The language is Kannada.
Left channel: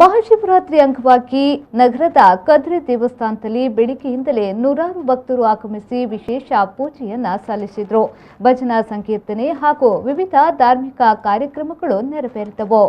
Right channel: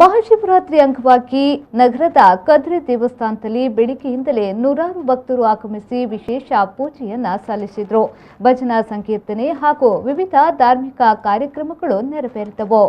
ಮಹಾಶಿವರಾತ್ರಿ ಅಂಗವಾಗಿ ನಗರದ ಕದ್ರಿ ದೇವಸ್ಥಾನದಲ್ಲಿ ಬೆಳಗ್ಗೆಯಿಂದಲೇ ನೂರಾರು ಭಕ್ತರು ಆಗಮಿಸಿ ವಿಶೇಷ ಪೂಜೆಯನ್ನ ಸಲ್ಲಿಸಿದರು. ಭಜನಾ ಸಂಕೀರ್ತನೆ ಹಾಗೂ ವಿವಿಧ ಧಾರ್ಮಿಕ ಕಾರ್ಯಕ್ರಮಗಳು ನೆರವೇರಿದವು.